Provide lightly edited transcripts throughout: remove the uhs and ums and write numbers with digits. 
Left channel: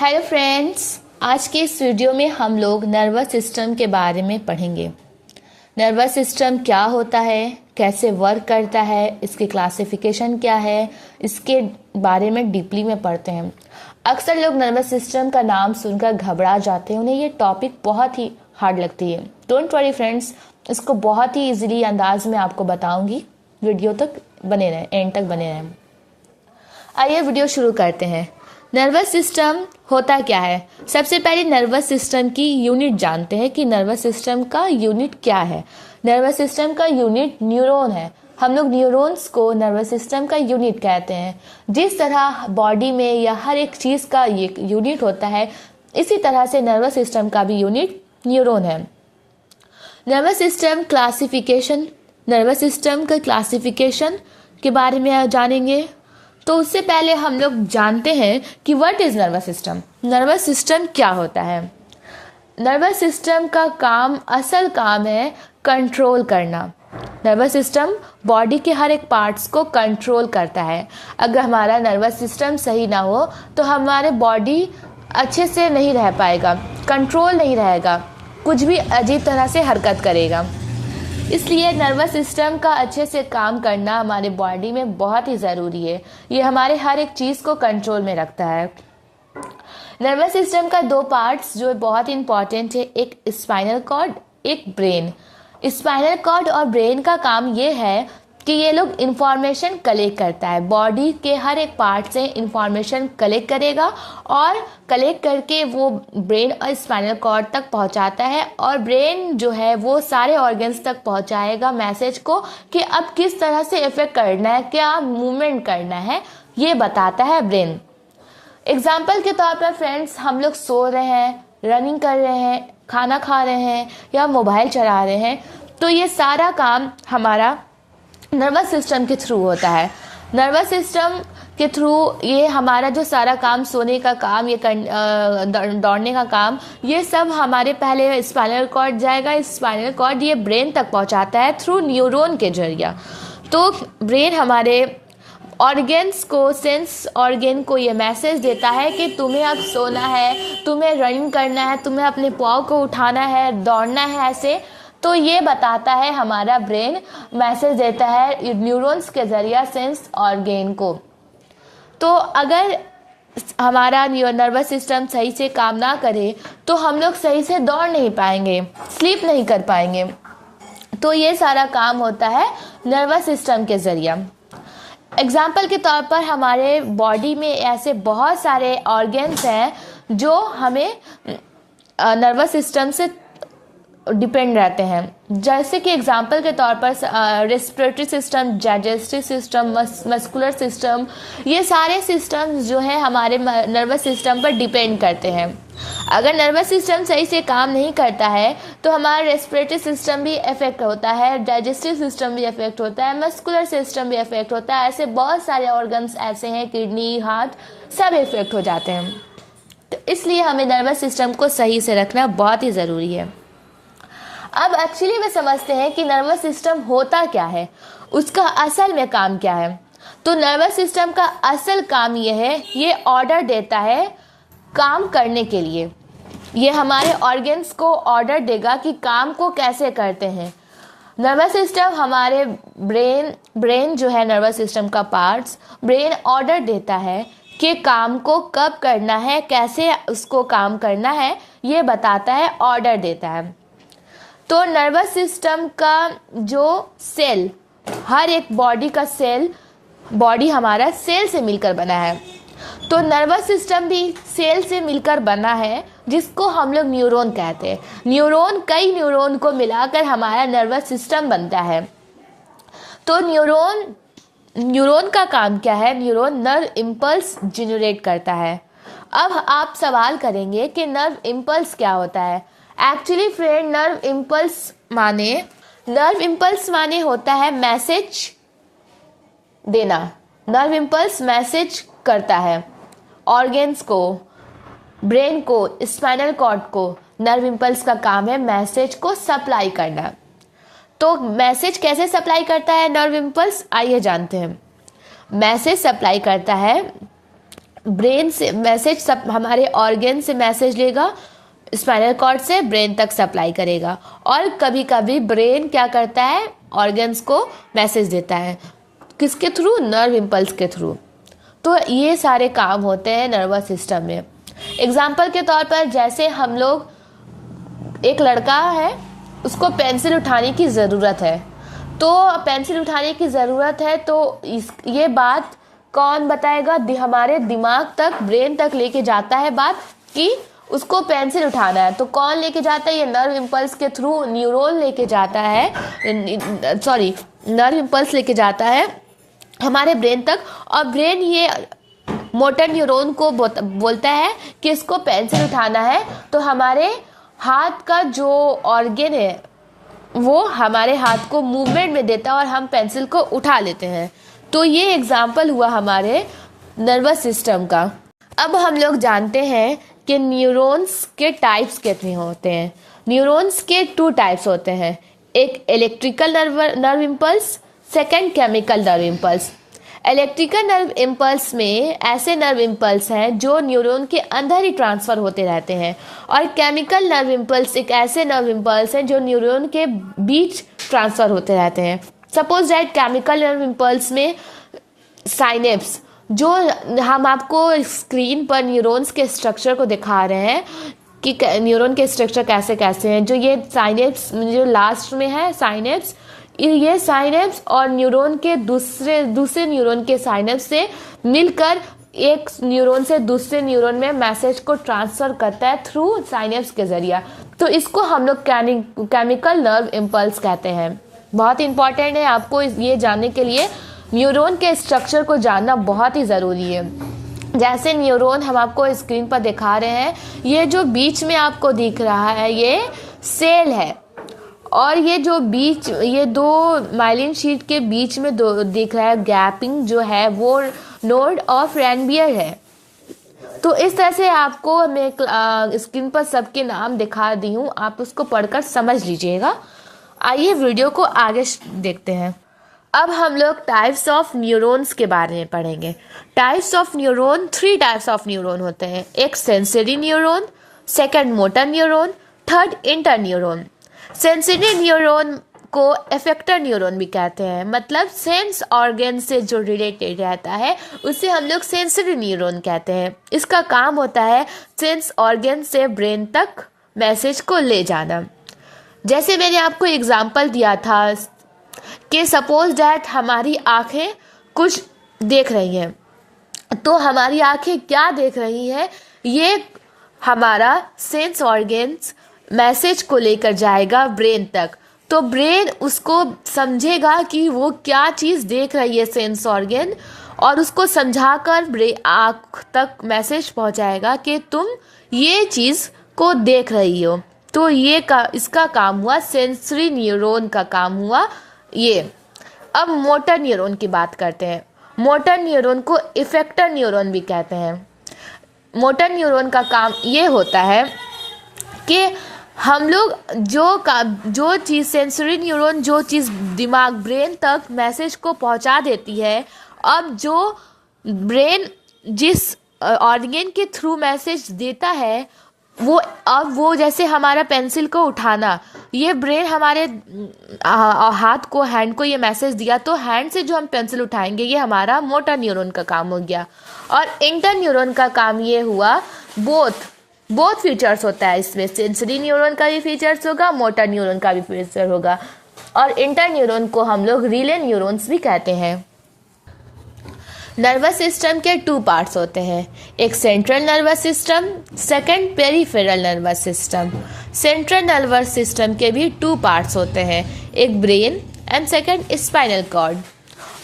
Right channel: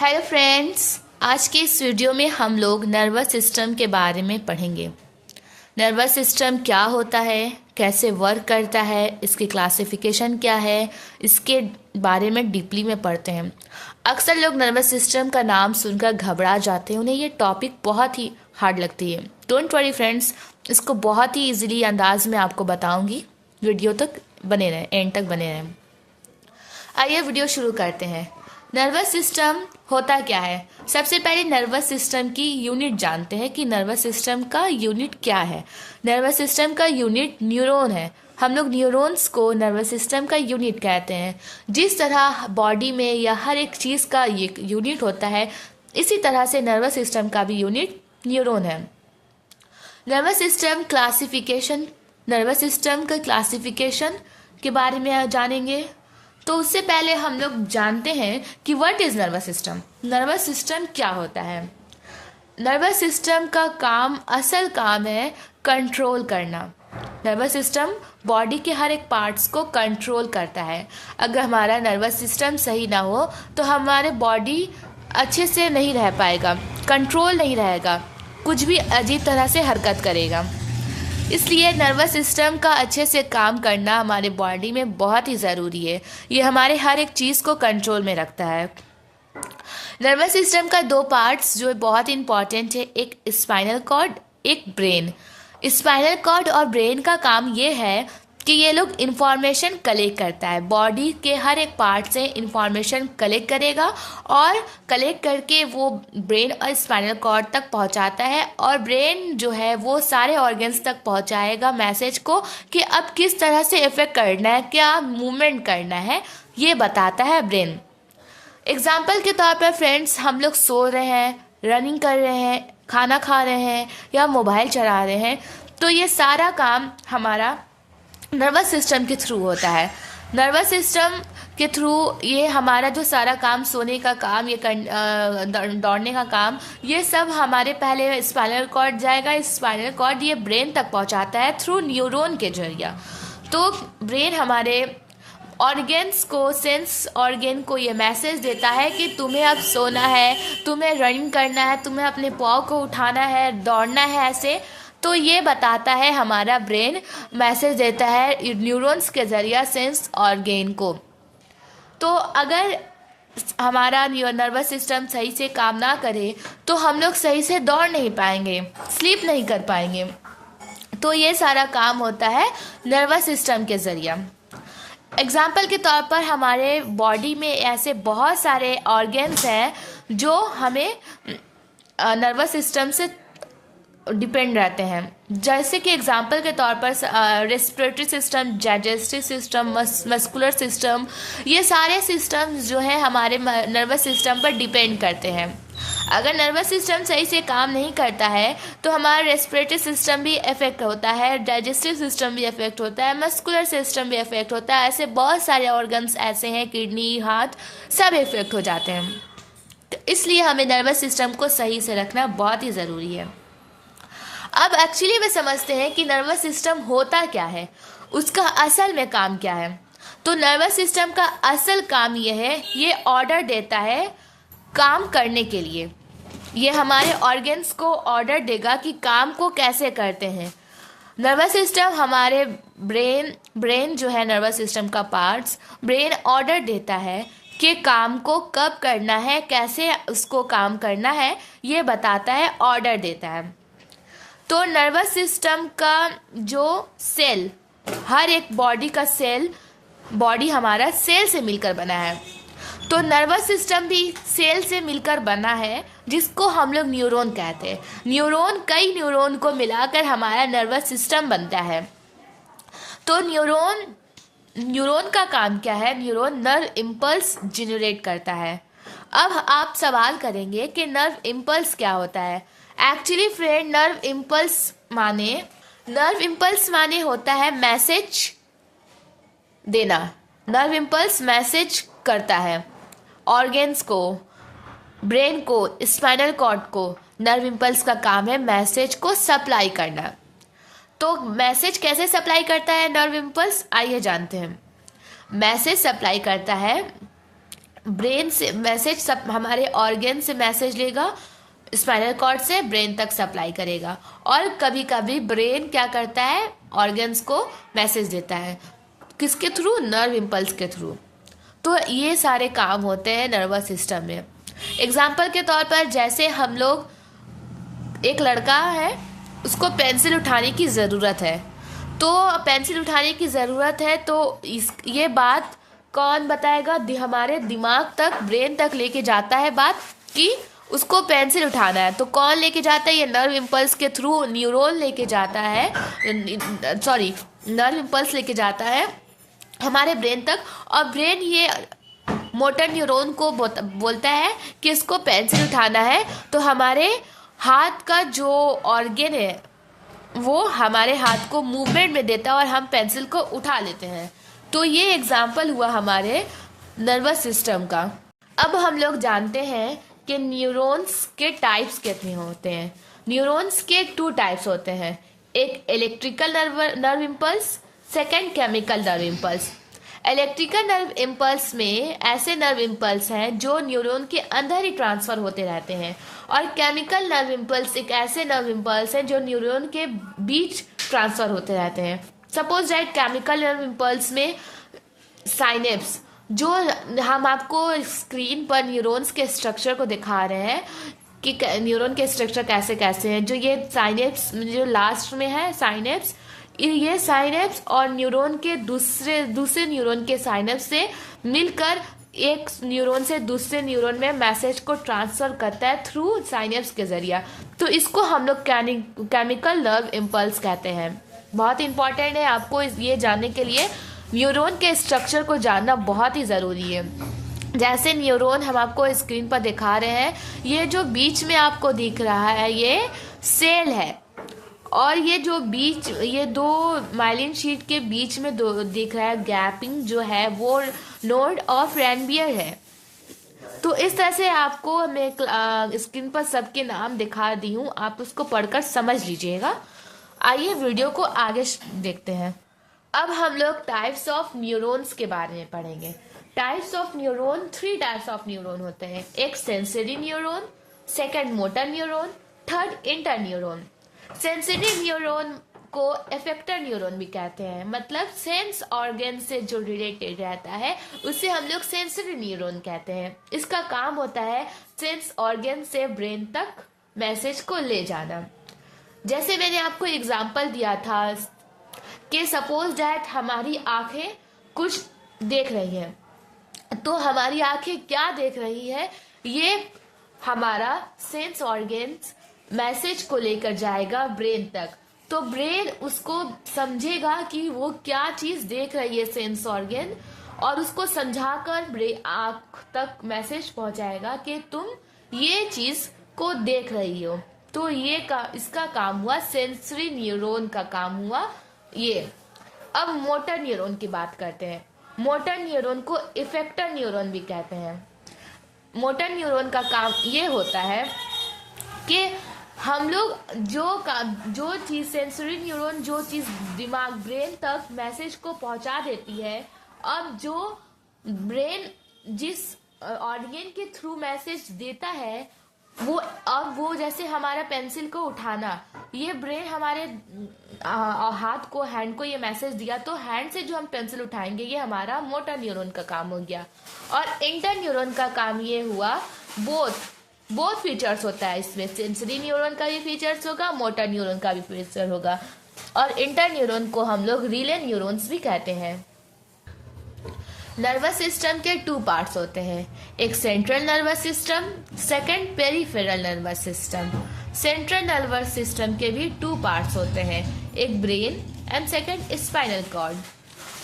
Hello friends, आज के इस वीडियो में हम लोग नर्वस सिस्टम के बारे में पढ़ेंगे। नर्वस सिस्टम क्या होता है, कैसे वर्क करता है, इसकी क्लासिफिकेशन क्या है, इसके बारे में डीपली में पढ़ते हैं। अक्सर लोग नर्वस सिस्टम का नाम सुनकर घबरा जाते हैं, उन्हें ये टॉपिक बहुत ही हार्ड लगती है। डोंट वरी फ्रेंड्स, इसको बहुत ही इजीली अंदाज में आपको बताऊंगी। वीडियो तक बने रहें, एंड तक बने रहें। आइए वीडियो शुरू करते हैं। नर्वस सिस्टम होता क्या है? सबसे पहले नर्वस सिस्टम की यूनिट जानते हैं कि नर्वस सिस्टम का यूनिट क्या है। नर्वस सिस्टम का यूनिट न्यूरॉन है। हम लोग न्यूरॉन्स को नर्वस सिस्टम का यूनिट कहते हैं। जिस तरह बॉडी में या हर एक चीज़ का ये यूनिट होता है, इसी तरह से नर्वस सिस्टम का भी यूनिट न्यूरॉन है। Nervous system classification, nervous system का क्लासिफिकेशन के बारे में जानेंगे। तो उससे पहले हम लोग जानते हैं कि what is nervous system. Nervous system क्या होता है? नर्वस सिस्टम का असल काम है कंट्रोल करना। नर्वस सिस्टम बॉडी के हर एक पार्ट्स को कंट्रोल करता है। अगर हमारा नर्वस सिस्टम सही ना हो तो हमारे बॉडी अच्छे से नहीं रह पाएगा, कंट्रोल नहीं रहेगा, कुछ भी अजीब तरह से हरकत करेगा। इसलिए नर्वस सिस्टम का अच्छे से काम करना हमारे बॉडी में बहुत ही ज़रूरी है। ये हमारे हर एक चीज़ को कंट्रोल में रखता है। नर्वस सिस्टम का दो पार्ट्स जो बहुत ही इंपॉर्टेंट है, एक स्पाइनल कॉर्ड, एक ब्रेन। स्पाइनल कॉर्ड और ब्रेन का काम ये है कि ये लोग इंफॉर्मेशन कलेक्ट करता है। बॉडी के हर एक पार्ट से इंफॉर्मेशन कलेक्ट करेगा और कलेक्ट करके वो ब्रेन और स्पाइनल कॉर्ड तक पहुंचाता है, और ब्रेन जो है वो सारे ऑर्गन्स तक पहुंचाएगा मैसेज को कि अब किस तरह से इफेक्ट करना है, क्या मूवमेंट करना है, ये बताता है ब्रेन। एग्जाम्पल के तौर पर फ्रेंड्स, हम लोग सो रहे हैं, रनिंग कर रहे हैं, खाना खा रहे हैं या मोबाइल चला रहे हैं, तो ये सारा काम हमारा नर्वस सिस्टम के थ्रू होता है। नर्वस सिस्टम के थ्रू ये हमारा जो सारा काम, सोने का काम, ये दौड़ने का काम, ये सब हमारे पहले स्पाइनल कॉर्ड जाएगा। स्पाइनल कॉर्ड ये ब्रेन तक पहुंचाता है थ्रू न्यूरॉन के जरिए। तो ब्रेन हमारे ऑर्गन्स को, सेंस ऑर्गन को ये मैसेज देता है कि तुम्हें अब सोना है, तुम्हें रनिंग करना है, तुम्हें अपने पाँव को उठाना है, दौड़ना है, ऐसे। तो ये बताता है हमारा ब्रेन, मैसेज देता है न्यूरॉन्स के जरिए सेंस ऑर्गन को। तो अगर हमारा नर्वस सिस्टम सही से काम ना करे तो हम लोग सही से दौड़ नहीं पाएंगे, स्लीप नहीं कर पाएंगे। तो ये सारा काम होता है नर्वस सिस्टम के जरिए। एग्जाम्पल के तौर पर हमारे बॉडी में ऐसे बहुत सारे ऑर्गन्स हैं जो हमें नर्वस सिस्टम से डिपेंड रहते हैं। जैसे कि एग्जाम्पल के तौर पर respiratory system, digestive system, muscular system, ये सारे सिस्टम्स जो है हमारे नर्वस सिस्टम पर डिपेंड करते हैं। अगर नर्वस सिस्टम सही से काम नहीं करता है तो हमारा रेस्पिरेटरी सिस्टम भी इफेक्ट होता है, डाइजेस्टिव सिस्टम भी इफेक्ट होता है, मस्कुलर सिस्टम भी इफेक्ट होता है। ऐसे बहुत सारे ऑर्गन्स ऐसे हैं, किडनी, हार्ट, सब इफेक्ट हो जाते हैं। तो इसलिए हमें नर्वस सिस्टम को सही से रखना बहुत ही ज़रूरी है। अब एक्चुअली में समझते हैं कि नर्वस सिस्टम होता क्या है, उसका असल में काम क्या है। तो नर्वस सिस्टम का असल काम यह है, ये ऑर्डर देता है काम करने के लिए। ये हमारे ऑर्गन्स को ऑर्डर देगा कि काम को कैसे करते हैं। नर्वस सिस्टम हमारे ब्रेन जो है नर्वस सिस्टम का पार्ट्स, ब्रेन ऑर्डर देता है कि काम को कब करना है, कैसे उसको काम करना है, ये बताता है, ऑर्डर देता है। तो नर्वस सिस्टम का जो सेल, हर एक बॉडी का सेल, बॉडी हमारा सेल से मिलकर बना है। तो नर्वस सिस्टम भी सेल से मिलकर बना है, जिसको हम लोग न्यूरॉन कहते हैं। कई न्यूरॉन को मिलाकर हमारा नर्वस सिस्टम बनता है। तो न्यूरॉन का काम क्या है? न्यूरॉन नर्व इम्पल्स जनरेट करता है। अब आप सवाल करेंगे कि नर्व इम्पल्स क्या होता है। एक्चुअली फ्रेंड, नर्व इम्पल्स माने होता है मैसेज देना। नर्व इम्पल्स मैसेज करता है ऑर्गन्स को, ब्रेन को, स्पाइनल कॉर्ड को। नर्व इम्पल्स का काम है मैसेज को सप्लाई करना। तो मैसेज कैसे सप्लाई करता है नर्व इम्पल्स, आइए जानते हैं। मैसेज सप्लाई करता है ब्रेन से मैसेज सब हमारे ऑर्गन से मैसेज लेगा, स्पाइनल कॉर्ड से ब्रेन तक सप्लाई करेगा। और कभी कभी ब्रेन क्या करता है, ऑर्गन्स को मैसेज देता है, किसके थ्रू, नर्व इम्पल्स के थ्रू। तो ये सारे काम होते हैं नर्वस सिस्टम में। एग्जाम्पल के तौर पर जैसे हम लोग, एक लड़का है, उसको पेंसिल उठाने की ज़रूरत है, तो पेंसिल उठाने की ज़रूरत है तो ये बात कौन बताएगा, हमारे दिमाग तक, ब्रेन तक लेके जाता है बात कि उसको पेंसिल उठाना है। तो कौन लेके जाता है, ये नर्व इम्पल्स के थ्रू न्यूरॉन लेके जाता है, नर्व इम्पल्स लेके जाता है हमारे ब्रेन तक। और ब्रेन ये मोटर न्यूरॉन को बोलता है कि इसको पेंसिल उठाना है। तो हमारे हाथ का जो ऑर्गन है वो हमारे हाथ को मूवमेंट में देता है और हम पेंसिल को उठा लेते हैं। तो ये एग्जाम्पल हुआ हमारे नर्वस सिस्टम का। अब हम लोग जानते हैं कि न्यूरॉन्स के टाइप्स कितने होते हैं। न्यूरॉन्स के 2 टाइप्स होते हैं, एक electrical nerve impulse, second chemical nerve impulse. Electrical nerve impulse में ऐसे नर्व इम्पल्स हैं जो न्यूरॉन के अंदर ही ट्रांसफर होते रहते हैं, और केमिकल नर्व इम्पल्स एक ऐसे नर्व इम्पल्स हैं जो न्यूरॉन के बीच ट्रांसफर होते रहते हैं। Suppose that chemical nerve impulse में साइनेप्स, जो हम आपको स्क्रीन पर न्यूरॉन्स के स्ट्रक्चर को दिखा रहे हैं कि न्यूरॉन के स्ट्रक्चर कैसे कैसे हैं, जो ये साइनेप्स जो लास्ट में है साइनेप्स, ये साइनेप्स और न्यूरॉन के दूसरे न्यूरॉन के साइनेप्स से मिलकर एक न्यूरॉन से दूसरे न्यूरॉन में मैसेज को ट्रांसफर करता है थ्रू साइनेप्स के जरिए। तो इसको हम लोग केमिकल नर्व इम्पल्स कहते हैं। बहुत इंपॉर्टेंट है, आपको ये जानने के लिए न्यूरॉन के स्ट्रक्चर को जानना बहुत ही ज़रूरी है। जैसे न्यूरॉन हम आपको स्क्रीन पर दिखा रहे हैं, ये जो बीच में आपको दिख रहा है ये सेल है, और ये जो बीच, ये 2 माइलिन शीट के बीच में दिख रहा है गैपिंग जो है, वो नोड ऑफ रैनबियर है। तो इस तरह से आपको मैं स्क्रीन पर सबके नाम दिखा दी हूँ, आप उसको पढ़कर समझ लीजिएगा। आइए वीडियो को आगे देखते हैं। अब हम लोग टाइप्स ऑफ न्यूरॉन्स के बारे में पढ़ेंगे। Types of neuron, 3 types of neuron होते हैं, एक sensory neuron, second motor neuron, third inter neuron. Sensory neuron को इफेक्टर न्यूरॉन भी कहते हैं, मतलब सेंस ऑर्गन से जो रिलेटेड रहता है उसे हम लोग सेंसरी न्यूरॉन कहते हैं। इसका काम होता है सेंस ऑर्गन से ब्रेन तक मैसेज को ले जाना। जैसे मैंने आपको एग्जांपल दिया था कि सपोज दैट हमारी आंखें कुछ देख रही हैं, तो हमारी आंखें क्या देख रही हैं, ये हमारा सेंस ऑर्गन्स मैसेज को लेकर जाएगा ब्रेन तक। तो ब्रेन उसको समझेगा कि वो क्या चीज़ देख रही है सेंस ऑर्गन, और उसको समझाकर आँख तक मैसेज पहुंचाएगा कि तुम ये चीज़ को देख रही हो। तो इसका काम हुआ, सेंसरी न्यूरॉन का काम हुआ ये। अब मोटर न्यूरॉन की बात करते हैं। मोटर न्यूरॉन को इफेक्टर न्यूरॉन भी कहते हैं। मोटर न्यूरॉन का काम ये होता है कि हम लोग जो चीज़, सेंसरी न्यूरॉन जो चीज़ दिमाग ब्रेन तक मैसेज को पहुंचा देती है, अब जो ब्रेन जिस ऑर्गन के थ्रू मैसेज देता है वो जैसे हमारा पेंसिल को उठाना, ये ब्रेन हमारे हाथ को, हैंड को ये मैसेज दिया, तो हैंड से जो हम पेंसिल उठाएंगे ये हमारा मोटर न्यूरॉन का काम हो गया। और इंटर न्यूरॉन का काम ये हुआ, बोथ फीचर्स होता है इसमें, सेंसरी न्यूरॉन का भी फीचर्स होगा, मोटर न्यूरॉन का भी फीचर होगा। और इंटर न्यूरॉन को हम लोग रिले न्यूरॉन्स भी कहते हैं। नर्वस सिस्टम के 2 पार्ट्स होते हैं, एक central nervous system, second peripheral nervous system. Central nervous system के भी 2 पार्ट्स होते हैं, एक brain and second spinal cord.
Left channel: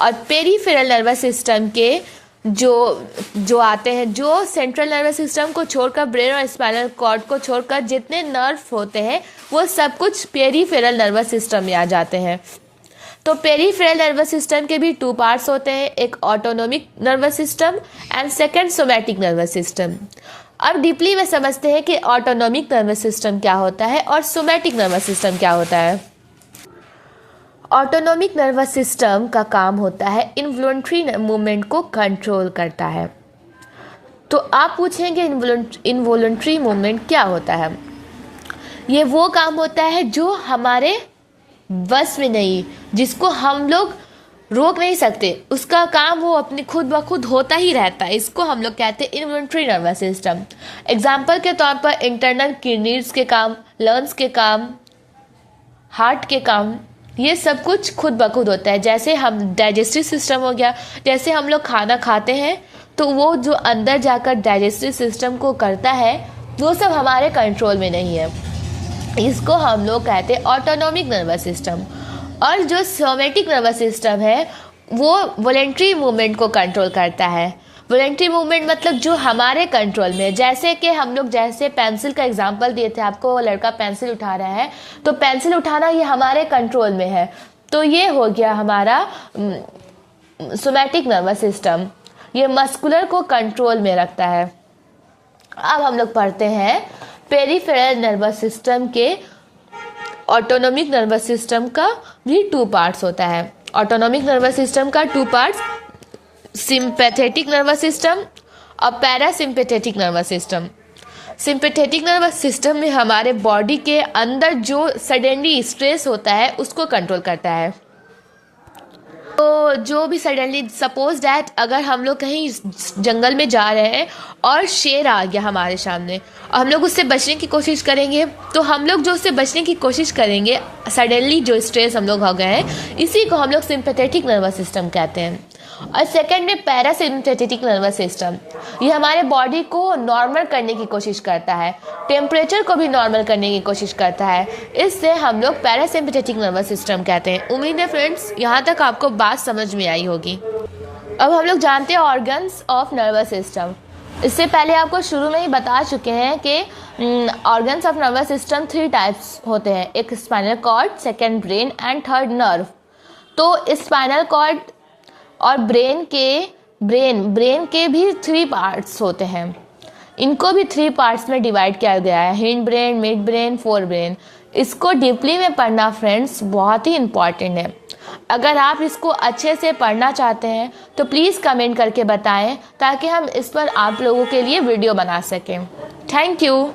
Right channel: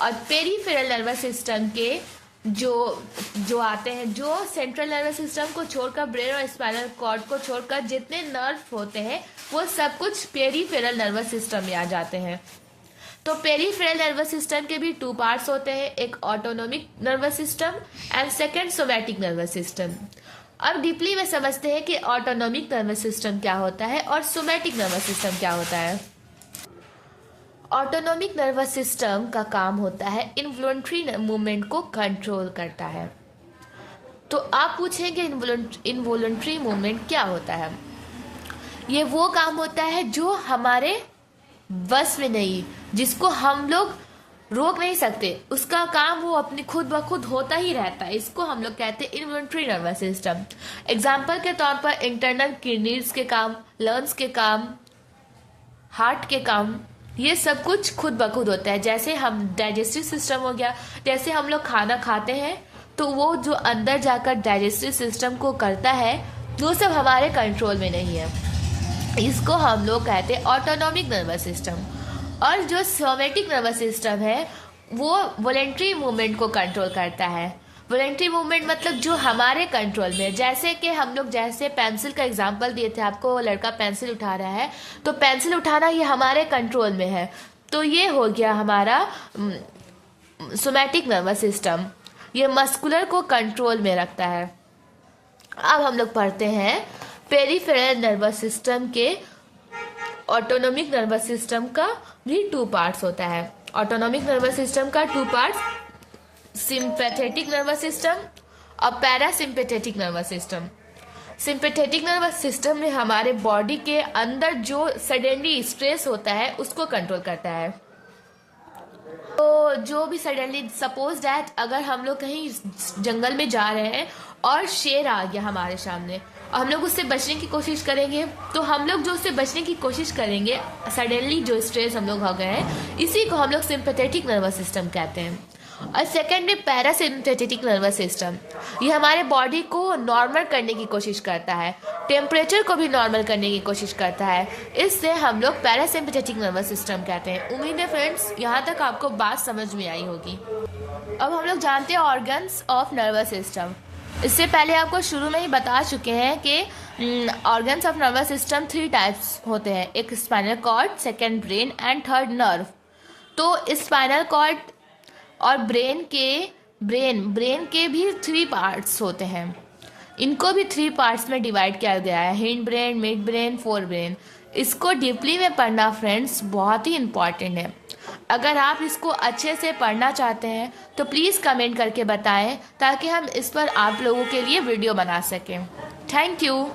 और पेरिफेरल नर्वस सिस्टम के जो आते हैं, जो सेंट्रल नर्वस सिस्टम को छोड़कर, ब्रेन और स्पाइनल कॉर्ड को छोड़कर जितने नर्व होते हैं वो सब कुछ पेरिफेरल नर्वस सिस्टम में आ जाते हैं। तो पेरिफेरल नर्वस सिस्टम के भी 2 पार्ट्स होते हैं, एक autonomic nervous system and second somatic nervous system. अब डीपली में समझते हैं कि ऑटोनोमिक नर्वस सिस्टम क्या होता है और सोमैटिक नर्वस सिस्टम क्या होता है। ऑटोनोमिक नर्वस सिस्टम का काम होता है इनवॉलंटरी मूवमेंट को कंट्रोल करता है। तो आप पूछेंगे इनवॉलंटरी मूवमेंट क्या होता है। ये वो काम होता है जो हमारे बस में नहीं, जिसको हम लोग रोक नहीं सकते, उसका काम वो अपनी खुद ब खुद होता ही रहता है। इसको हम लोग कहते हैं इनवॉलंटरी नर्वस सिस्टम। एग्जाम्पल के तौर पर इंटरनल किडनीज के काम, लंग्स के काम, हार्ट के काम, ये सब कुछ खुद ब खुद होता है। जैसे हम डाइजेस्टिव सिस्टम हो गया, जैसे हम लोग खाना खाते हैं तो वो जो अंदर जाकर डाइजेस्टिव सिस्टम को करता है वो सब हमारे कंट्रोल में नहीं है। इसको हम लोग कहते हैं ऑटोनॉमिक नर्वस सिस्टम। और जो सोमैटिक नर्वस सिस्टम है वो वॉलेंट्री मूवमेंट को कंट्रोल करता है। वॉलेंट्री मूवमेंट मतलब जो हमारे कंट्रोल में, जैसे कि हम लोग जैसे पेंसिल का एग्जांपल दिए थे आपको, लड़का पेंसिल उठा रहा है तो पेंसिल उठाना ये हमारे कंट्रोल में है, तो ये हो गया हमारा सोमैटिक नर्वस सिस्टम। ये मस्कुलर को कंट्रोल में रखता है। अब हम लोग पढ़ते हैं पेरिफेरल नर्वस सिस्टम के। ऑटोनॉमिक नर्वस सिस्टम का भी 2 पार्ट्स होता है। ऑटोनॉमिक नर्वस सिस्टम का 2 पार्ट्स, सिंपैथेटिक नर्वस सिस्टम और parasympathetic nervous system. Sympathetic nervous system में हमारे बॉडी के अंदर जो सडनली स्ट्रेस होता है उसको कंट्रोल करता है। तो जो भी सडनली, सपोज दैट अगर हम लोग कहीं जंगल में जा रहे हैं और शेर आ गया हमारे सामने और हम लोग उससे बचने की कोशिश करेंगे, तो हम लोग जो उससे बचने की कोशिश करेंगे, सडनली जो स्ट्रेस हम लोग हो गए हैं, इसी को हम लोग सिंपैथेटिक नर्वस सिस्टम कहते हैं। और सेकेंड में पैरासिम्पैथेटिक नर्वस सिस्टम। ये हमारे बॉडी को नॉर्मल करने की कोशिश करता है, टेम्परेचर को भी नॉर्मल करने की कोशिश करता है, इससे हम लोग पैरासिम्पैथेटिक नर्वस सिस्टम कहते हैं। उम्मीद है फ्रेंड्स यहाँ तक आपको बात समझ में आई होगी। अब हम लोग जानते हैं ऑर्गन्स ऑफ नर्वस सिस्टम। इससे पहले आपको शुरू में ही बता चुके हैं कि organs of nervous system 3 types होते हैं, एक spinal cord, second brain and third nerve. तो स्पाइनल कॉर्ड और ब्रेन के भी 3 पार्ट्स होते हैं। इनको भी 3 पार्ट्स में डिवाइड किया गया है, hind brain, mid brain, fore brain. इसको डीपली में पढ़ना फ्रेंड्स बहुत ही इम्पॉर्टेंट है। अगर आप इसको अच्छे से पढ़ना चाहते हैं तो प्लीज़ कमेंट करके बताएं ताकि हम इस पर आप लोगों के लिए वीडियो बना सकें। Thank you.